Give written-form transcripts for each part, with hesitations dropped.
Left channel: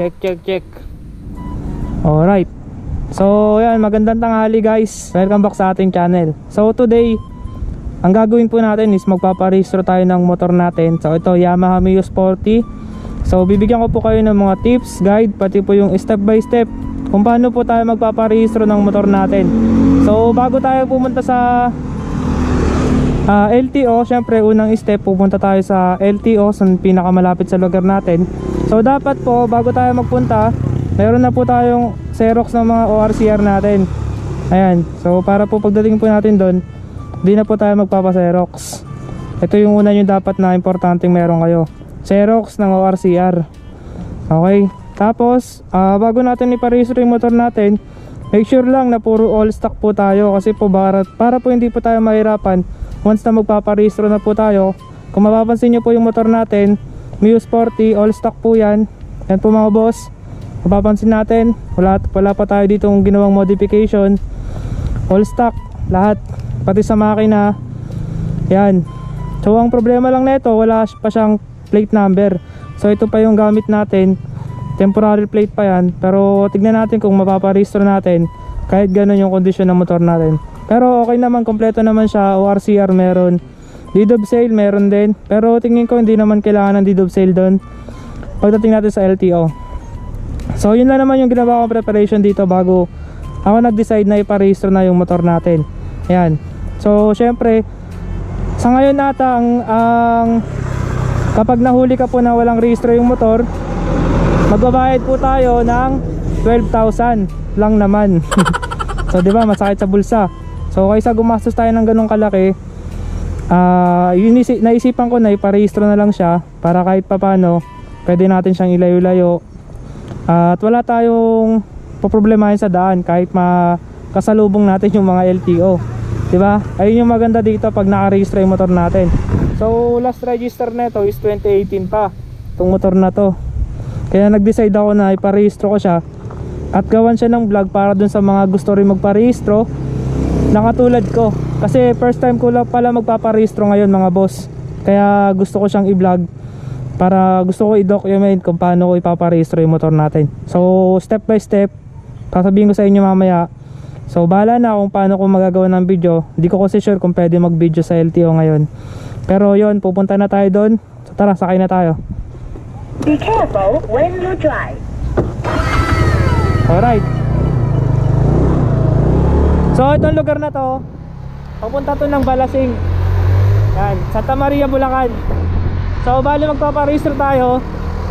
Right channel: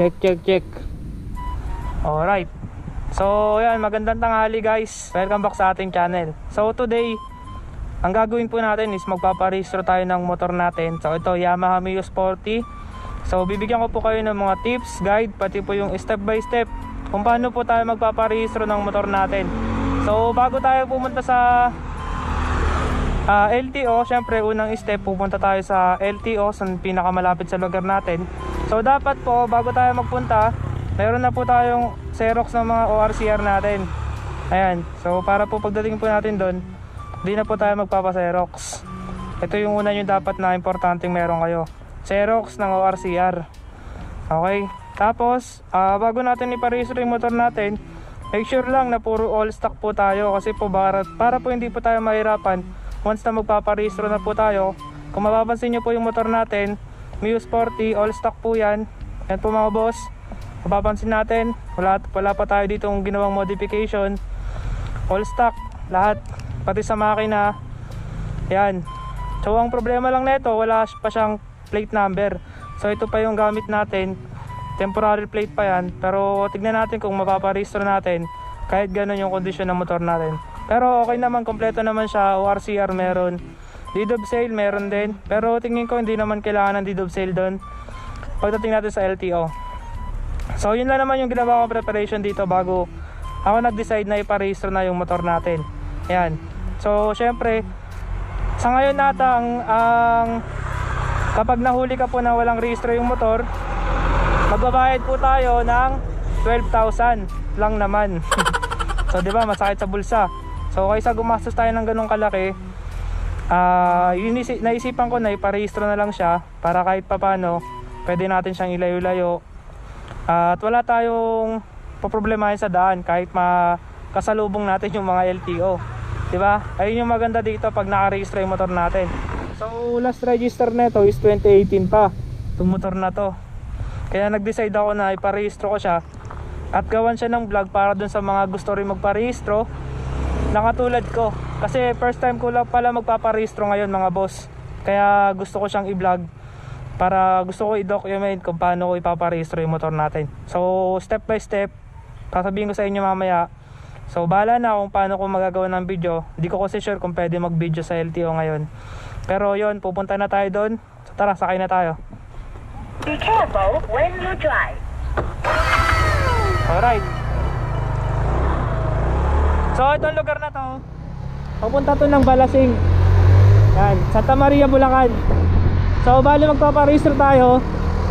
Check, check, check. Alright. So yan, magandang tanghali guys. Welcome back sa ating channel. So today, ang gagawin po natin is magpaparehistro tayo ng motor natin. So ito, Yamaha Mio Sporty. So bibigyan ko po kayo ng mga tips, guide, pati po yung step by step kung paano po tayo magpaparehistro ng motor natin. So bago tayo pumunta sa LTO, syempre unang step, pupunta tayo sa LTO, sa pinakamalapit sa lugar natin. So dapat po, bago tayo magpunta, meron na po tayong Xerox ng mga ORCR natin. Ayan, so para po pagdating po natin doon, di na po tayo magpapa-Xerox. Ito yung una yung dapat na importanteng meron kayo, Xerox ng ORCR. Okay, tapos bago natin iparehistro yung motor natin, make sure lang na puro all stock po tayo. Kasi po para po hindi po tayo mahirapan once na magpaparehistro na po tayo. Kung mapapansin nyo po yung motor natin, Mio Sporty, all stock po yan. Yan po mga boss, mapapansin natin, wala pa tayo dito ginawang modification. All stock, lahat, pati sa makina. Yan. So ang problema lang nito, wala pa siyang plate number. So ito pa yung gamit natin, temporary plate pa yan. Pero tignan natin kung mapaparehistro natin kahit ganun yung kondisyon ng motor natin. Pero okay naman, kompleto naman siya. ORCR meron, deed of sale meron din. Pero tingin ko hindi naman kailangan ng deed of sale doon pagdating natin sa LTO. So yun lang naman yung ginawa kong preparation dito bago ako nag-decide na iparehistro na yung motor natin. Ayan. So syempre, sa ngayon nata ang kapag nahuli ka po na walang rehistro yung motor, magbabayad po tayo ng 12,000 lang naman. So di ba, masakit sa bulsa. So kaysa gumastos tayo ng ganong kalaki, naisipan ko na iparehistro na lang siya para kahit papano pwede natin siyang ilayo-layo at wala tayong poproblemahin sa daan kahit makasalubong natin yung mga LTO. Diba? Ayun yung maganda dito pag nakarehistro yung motor natin. So last register nito is 2018 pa itong motor na to. Kaya nag-decide ako na iparehistro ko siya at gawan siya ng vlog para dun sa mga gusto rin magparehistro na katulad ko. Kasi first time ko lang pala magpaparehistro ngayon mga boss. Kaya gusto ko siyang i-vlog para gusto ko i-document kung paano ko ipaparehistro yung motor natin. So step by step, sasabihin ko sa inyo mamaya. So bahala na kung paano ko magagawa ng video. Hindi ko kasi sure kung pwede mag video sa LTO ngayon. Pero yon, pupunta na tayo doon. So tara, sakay na tayo. Be careful when you drive. Alright. So itong lugar na to, papunta to ng Balasing. Yan, Santa Maria, Bulacan. So bali magpaparehistro tayo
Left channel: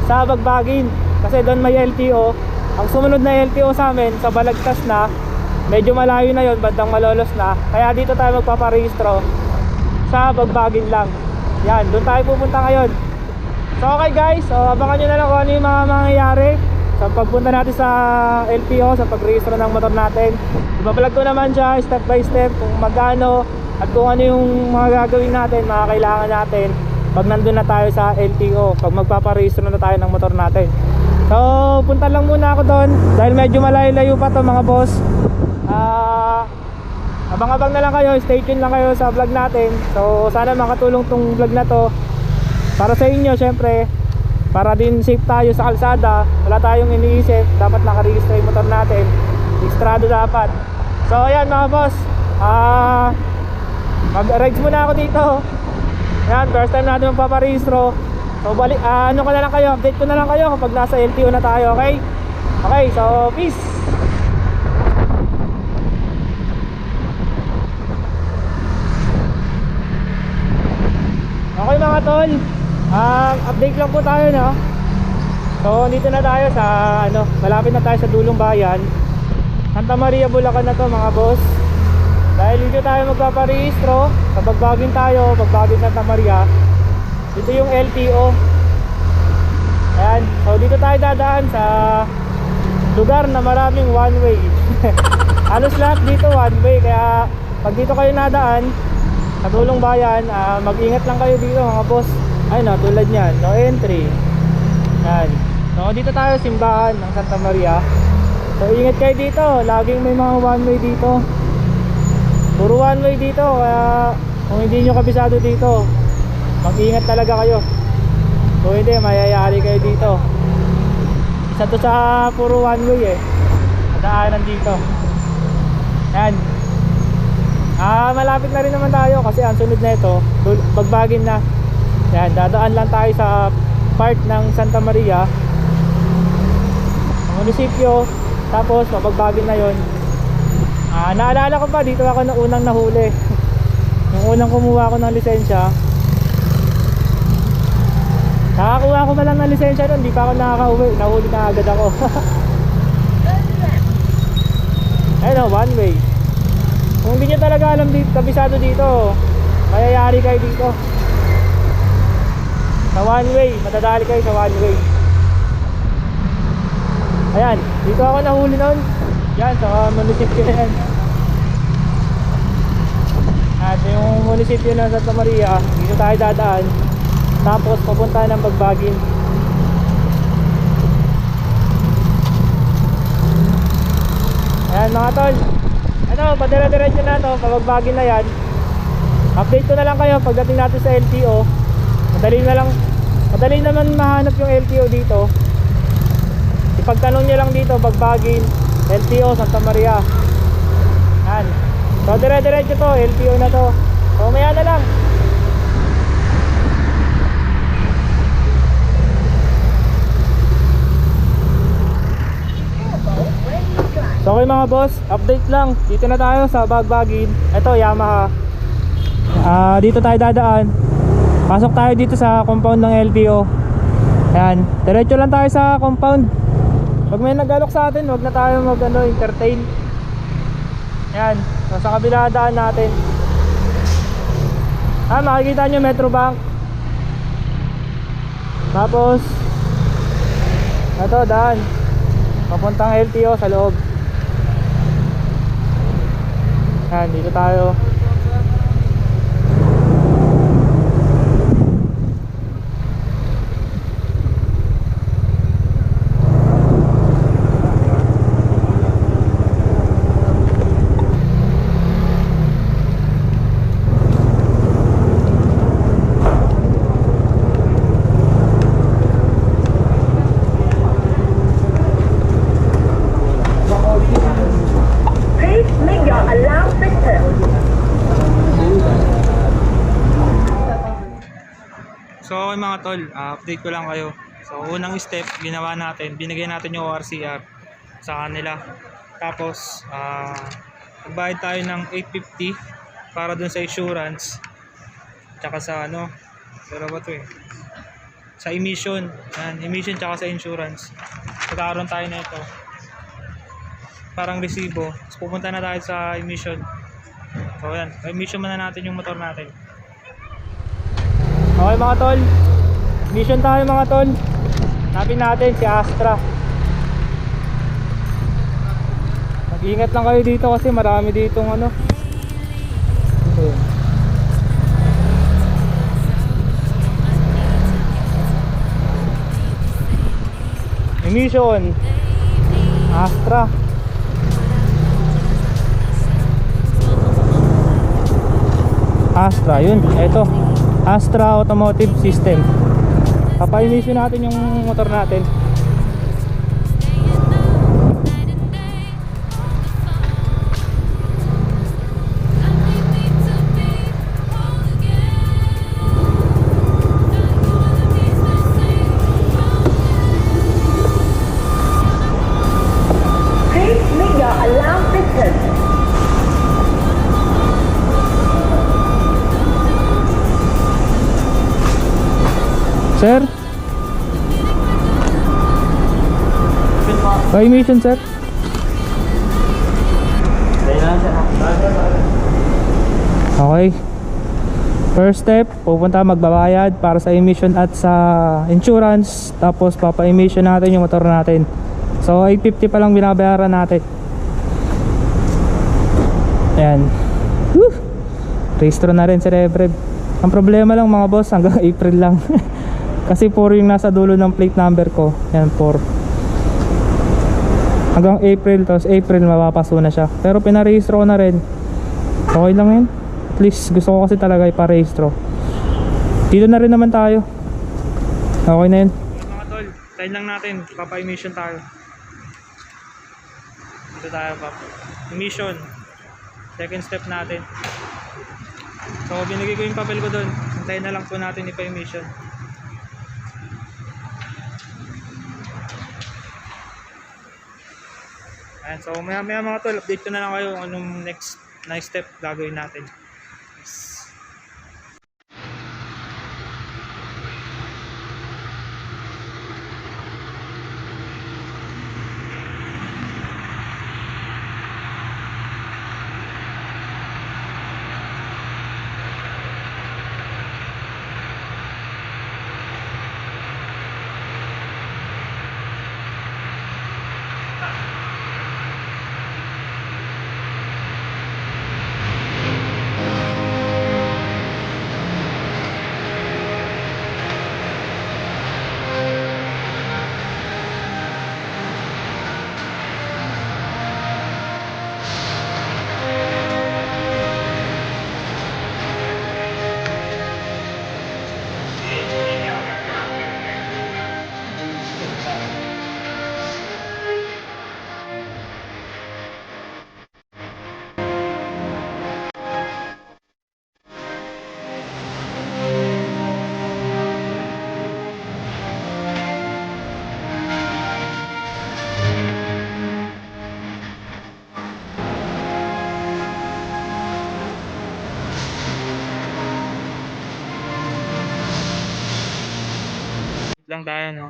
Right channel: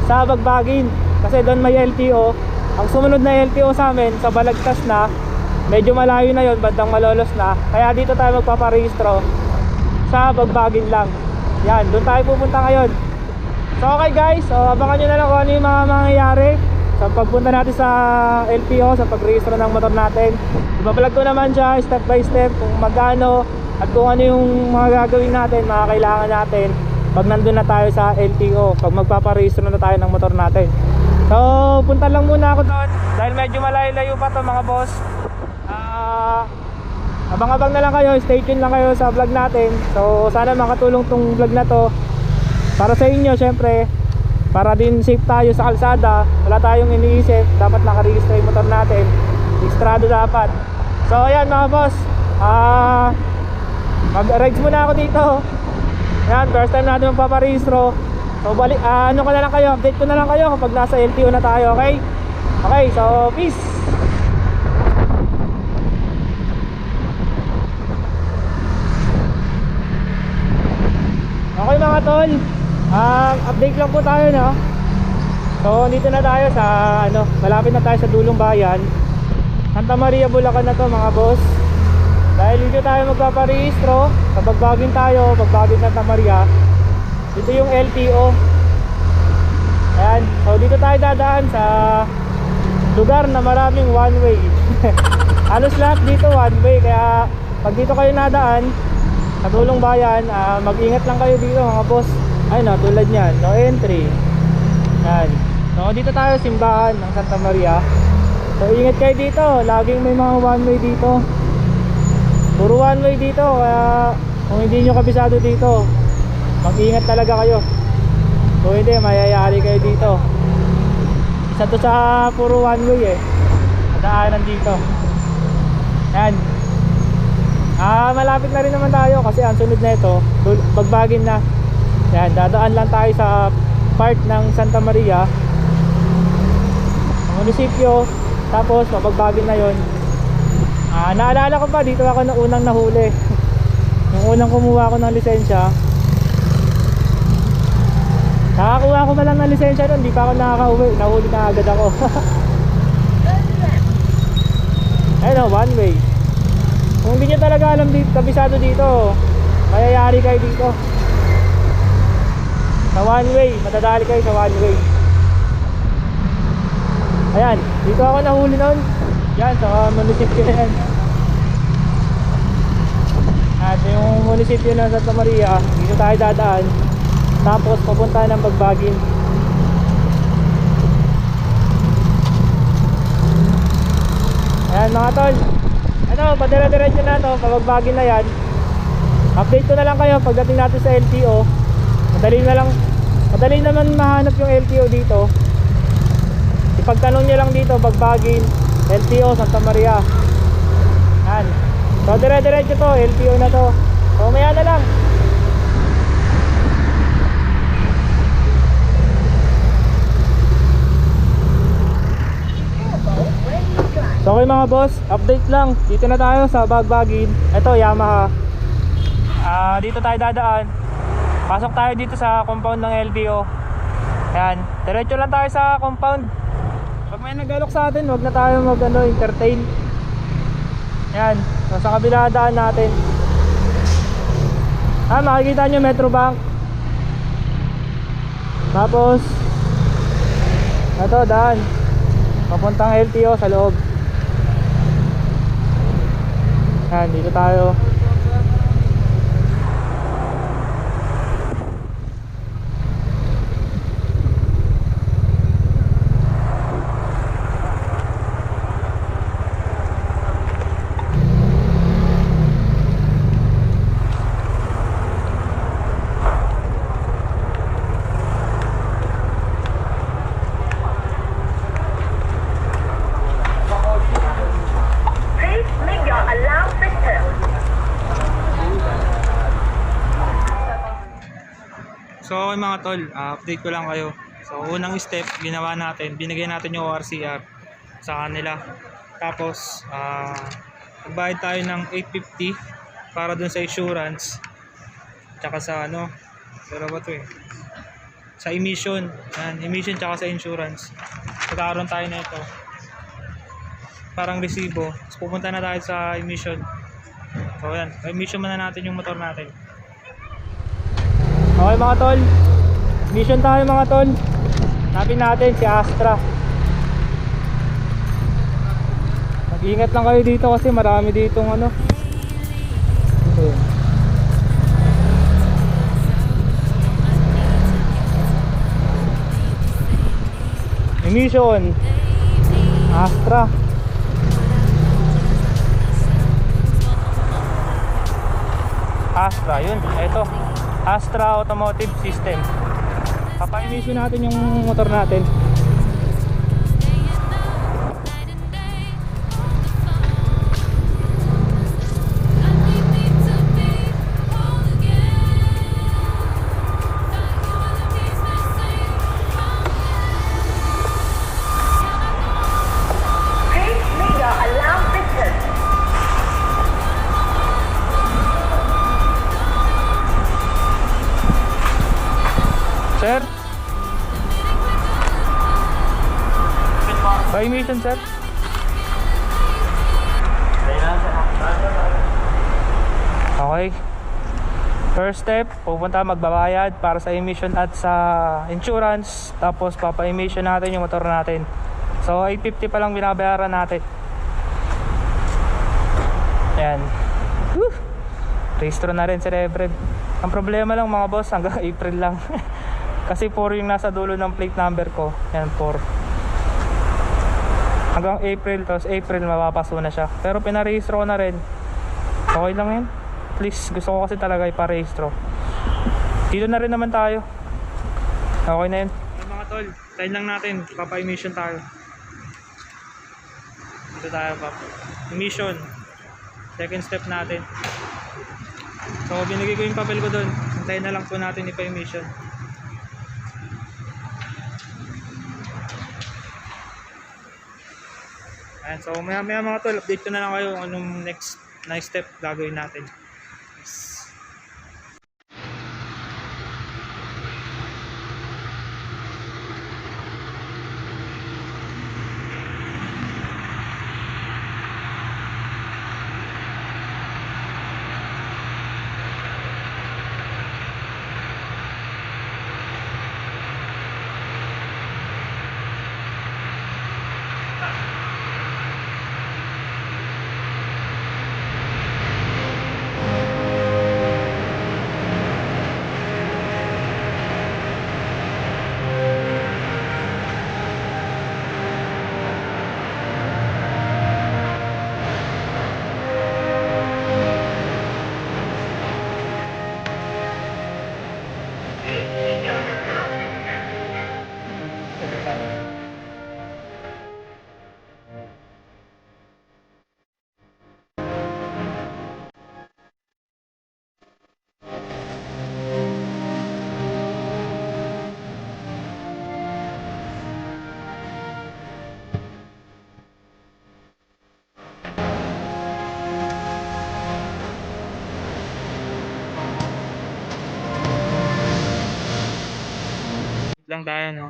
sa Bagbagin kasi doon may LTO. Ang sumunod na LTO sa amin sa Balagtas na, medyo malayo na yon, bandang Malolos na. Kaya dito tayo magpaparehistro sa Bagbagin lang. Yan, doon tayo pupunta ngayon. So okay guys, so abangan nyo na lang kung ano yung mga mangyayari sa pagpunta natin sa LTO, sa pagrehistro ng motor natin. Ibabalag ko naman siya step by step kung magkano at kung ano yung mga gagawin natin, mga kailangan natin pag nandun na tayo sa LTO, pag magpaparehistro na tayo ng motor natin. So punta lang muna ako doon dahil medyo malayo-layo pa to mga boss. Abang-abang na lang kayo, stay tuned lang kayo sa vlog natin. So sana makatulong tong vlog na to para sa inyo, syempre, para din safe tayo sa kalsada. Wala tayong iniisip, dapat nakarehistro yung motor natin, registrado dapat. So ayan mga boss, mag-rides muna ako dito. Ayan, first time natin magpaparehistro. So ano ko na lang kayo, update ko na lang kayo kapag nasa LTO na tayo, okay? Okay, so peace. Okay mga tol, update lang po tayo, no? So dito na tayo sa malapit na tayo sa dulong bayan, Santa Maria, Bulacan na to mga boss. Dahil dito tayo magpaparehistro, sa Bagbagin tayo, Bagbagin Santa Maria. Dito yung LTO. Ayan, so dito tayo dadaan sa lugar na maraming one way. Halos lahat dito one way, kaya pag dito kayo nadaan sa dulong bayan, mag-ingat lang kayo dito mga boss. Ay no, tulad nyan, no entry. Yan. So dito tayo simbahan ng Santa Maria. So ingat kayo dito, laging may mga one way dito. Puro one way dito, kaya kung hindi nyo kabisado dito, mag-ingat talaga kayo. Kung hindi, mayayari kayo dito. isa to sa puro one way eh. Daanan dito. Yan. Malapit na rin naman tayo kasi ang sunod na ito, Bagbagin na. Yan, dadaan lang tayo sa part ng Santa Maria, ang munisipyo, tapos Bagbagin na yon. Naalala ko pa, dito ako na unang nahuli. Yung unang kumuha ko ng lisensya, nakakuha ko pa lang ng lisensya nun, di pa ako nakakauwi, nahuli na agad ako. Ayun o, one way. Kung hindi nyo talaga alam dito, kabisado dito, mayayari kayo dito sa one way, matadali kayo sa one way. Ayan, dito ako nahuli nun. Yan, sa munisipyo na yan. At yung munisipyo ng Santa Maria, dito tayo dadaan, tapos papunta ng Bagbagin. Ayan mga tol, ito, padira-diretso na to, Bagbagin na yan. Update ko na lang kayo pagdating natin sa LTO. Madali naman mahanap yung LTO dito. Ipagtanong nyo lang dito, Bagbagin, LTO, Santa Maria. Yan. So dire-diretso to, LTO na to. So maya na lang. So okay mga boss, update lang. Dito na tayo sa Bagbagin. Ito Yamaha. Dito tayo dadaan. Pasok tayo dito sa compound ng LTO. Ayan, diretso lang tayo sa compound. Pag may nag-alok sa atin, wag na tayo entertain. Ayan, so sa kabila daan natin. Makikita nyo Metrobank. Tapos ito daan papuntang LTO sa loob. Ayan, dito tayo. So okay mga tol, update ko lang kayo. So unang step, ginawa natin, binigay natin yung ORCR sa kanila. Tapos nagbayad tayo ng 850 para dun sa insurance. Tsaka sa pero ba to sa emission. Yan, emission tsaka sa insurance. Magkakaroon tayo na ito. Parang resibo. Tapos pupunta na tayo sa emission. So yan, emission muna natin yung motor natin. Okay mga tol, mission tayo mga tol. Hanapin natin si Astra. Mag-ingat lang kayo dito kasi marami ditong emission Astra. Astra, yun, eto Astra Automotive System. Papa-emission natin yung motor natin. Please make your alarm system. Sir? Pa-emission sir? Okay. First step, pupunta magbabayad para sa emission at sa insurance. Tapos papa-emission natin yung motor natin. So 850 pa lang binabayaran natin. Ayan. Woo! Registro na rin si Rev. Ang problema lang mga boss, hanggang April lang. Kasi 4 yung nasa dulo ng plate number ko. Yan 4. Hanggang April, tapos April mapapaso na siya. Pero pinarehistro ko na rin. Okay lang yun. At least gusto ko kasi talaga iparehistro. Dito na rin naman tayo. Okay na yun. Okay mga tol, tayo lang natin, papa-emission tayo. Dito tayo emission. Second step natin. So binigay ko yung papel ko doon. Hintayin na lang po natin ipa-emission. Ayan, so maya mga tol, update ko na lang kayo kung anong next step gagawin natin. Yes. Lang tayo, no?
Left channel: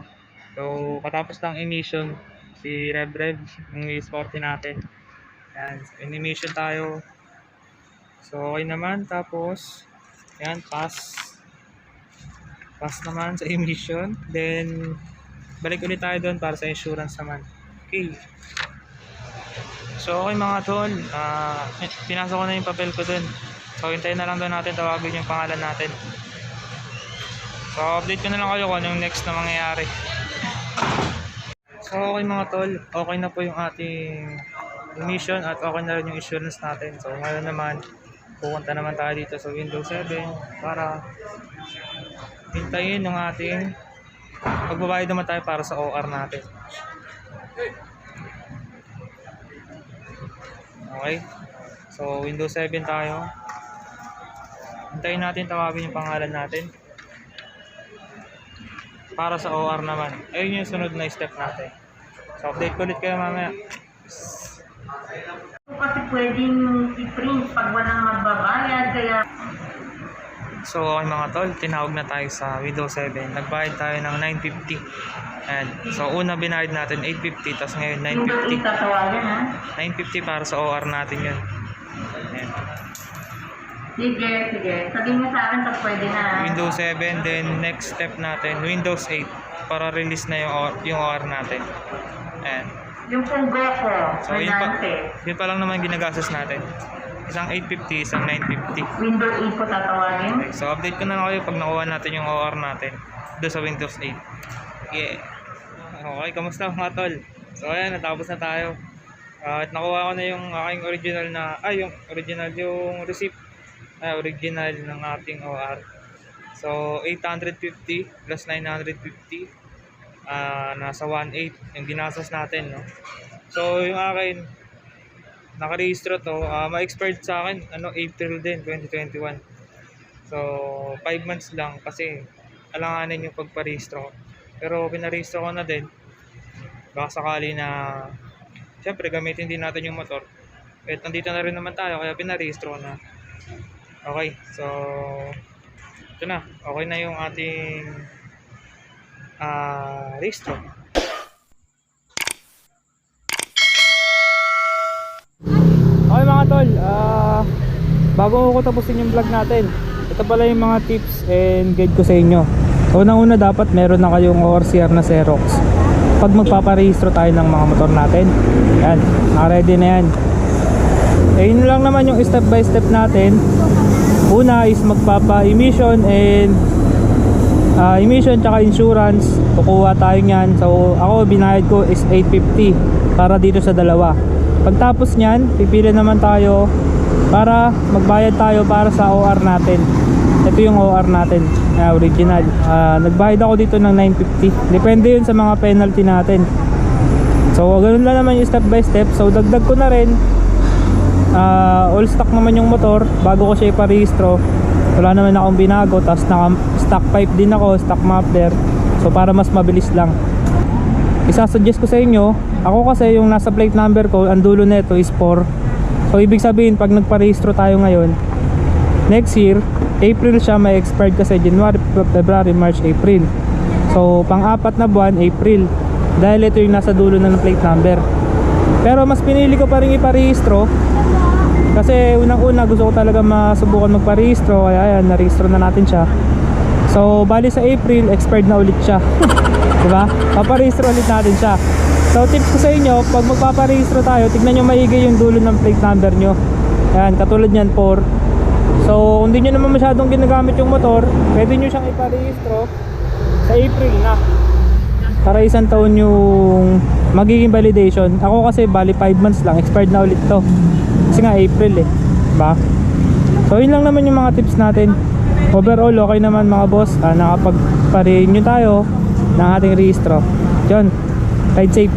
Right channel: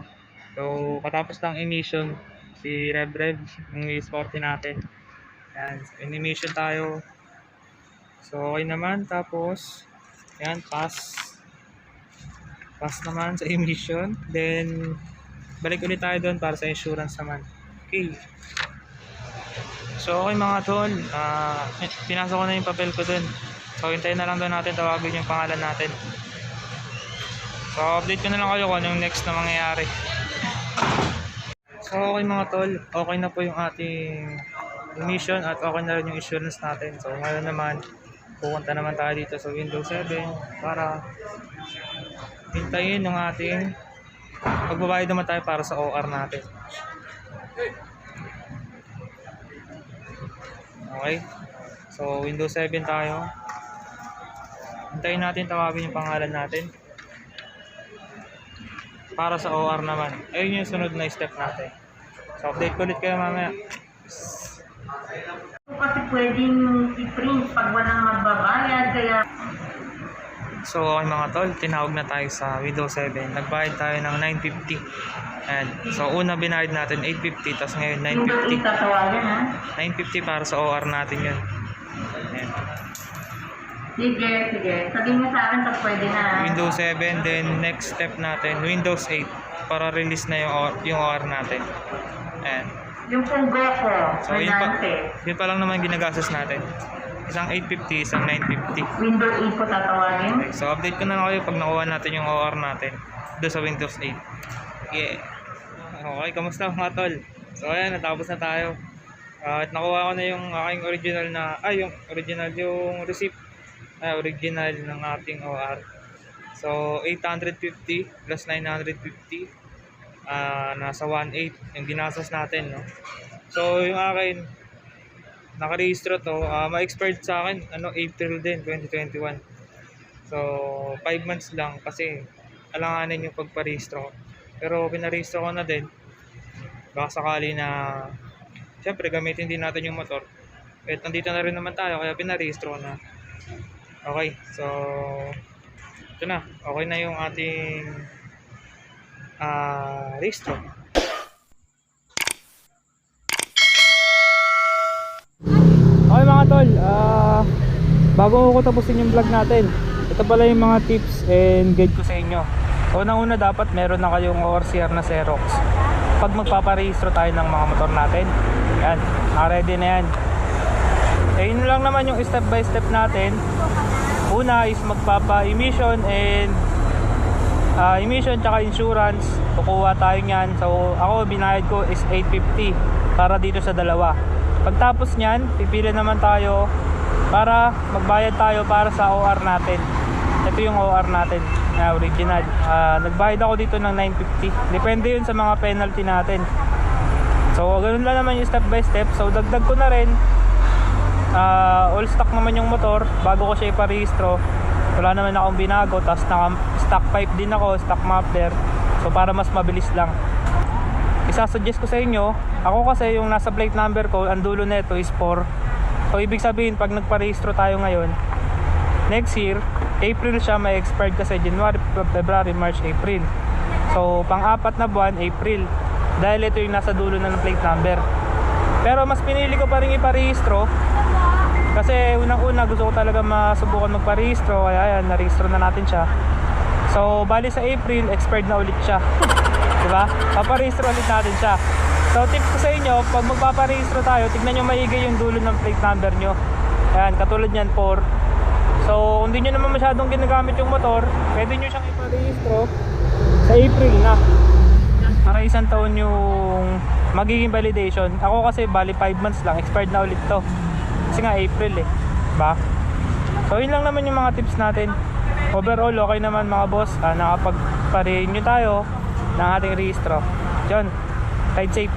So katapos lang emission si Rev yung e-sporty natin. Ayan, in-emission tayo. So okay naman, tapos ayan, pass naman sa emission. Then balik ulit tayo doon para sa insurance naman. Okay. So okay mga tol, pinasok ko na yung papel ko doon. So hintayin na lang doon natin tawagin yung pangalan natin. So update ko na lang kayo kung anong next na mangyayari. So okay mga tol, okay na po yung ating emission at okay na rin yung insurance natin. So ngayon naman, pupunta naman tayo dito sa Windows 7 para hintayin yung ating magbabayad naman tayo para sa OR natin. Okay, so Windows 7 tayo. Hintayin natin tawagin yung pangalan natin para sa OR naman. Ayun yung sunod na step natin. So update ko ulit kayo mamaya. Kasi pwedeng i-print pag walang magbabayad, kaya... So okay mga tol, tinawag na tayo sa Windows 7. Nagbayad tayo ng 950. Ayan. So una binayad natin 850, tapos ngayon Yung 950. tatawagan, ha? 950 para sa OR natin yun. Ayan. Sige. Sabihin mo sa akin pag pwede na. Windows 7, then next step natin Windows 8 para release na yung OR natin. Ayan. Yung pong GoPro, So yun pa lang naman ginagastos natin. Isang 850, isang 950. Windows 8 po tatawagin. Okay, so update ko na lang kayo pag nakuha natin yung OR natin doon sa Windows 8. Yeah. Okay, kamusta mga tol? So ayan, natapos na tayo. At nakuha ko na yung aking original yung receipt. Original ng ating OR. So 850 plus 950, nasa 1.8 yung ginastos natin, no? So yung akin nakarehistro to, ma-expired sa akin April din 2021. So 5 months lang kasi alanganin yung pagparehistro. Pero pinarehistro ko na din baka sakali na syempre gamitin din natin yung motor. At nandito na rin naman tayo kaya pinarehistro ko na. Okay, so ito na, okay na yung ating rehistro. Okay mga tol, bago ko tapusin yung vlog natin, ito pala yung mga tips and guide ko sa inyo. Unang-una, dapat meron na kayong ORCR na Xerox pag magpaparehistro tayo ng mga motor natin. Yan, ready na yan. Yun lang naman yung step by step natin. Una is magpapa-emission and emission tsaka insurance. Kukuha tayo nyan. So ako binayad ko is 850 para dito sa dalawa. Pagtapos nyan, pipili naman tayo para magbayad tayo para sa OR natin. Ito yung OR natin, original. Nagbayad ako dito ng 950. Depende yun sa mga penalty natin. So ganun lang naman yung step by step. So dagdag ko na rin, all stock naman yung motor bago ko siya iparehistro. Wala naman akong binago, tapos naka stock pipe din ako, stock muffler. So para mas mabilis lang, isasuggest ko sa inyo, ako kasi yung nasa plate number ko, ang dulo nito is 4. So ibig sabihin pag nagparehistro tayo ngayon, next year April siya may expired kasi January, February, March, April. So pang-apat na buwan April, dahil ito yung nasa dulo ng plate number. Pero mas pinili ko pa rin iparehistro kasi unang-una gusto ko talaga masubukan magparehistro, kaya ayan, narehistro na natin siya. So bali sa April expired na ulit siya. Diba? Paparehistro ulit natin siya. So tips ko sa inyo, pag magpaparehistro tayo, tignan nyo maigi yung dulo ng plate number nyo. Ayan, katulad nyan 4. So kung di nyo naman masyadong ginagamit yung motor, pwede nyo siyang iparehistro sa April na, para isang taon yung magiging validation. Ako kasi bali 5 months lang, expired na ulit to kasi nga April diba? So yun lang naman yung mga tips natin. Overall okay naman mga boss, nakapagpa-renew tayo ng ating rehistro. Yun, ride safe.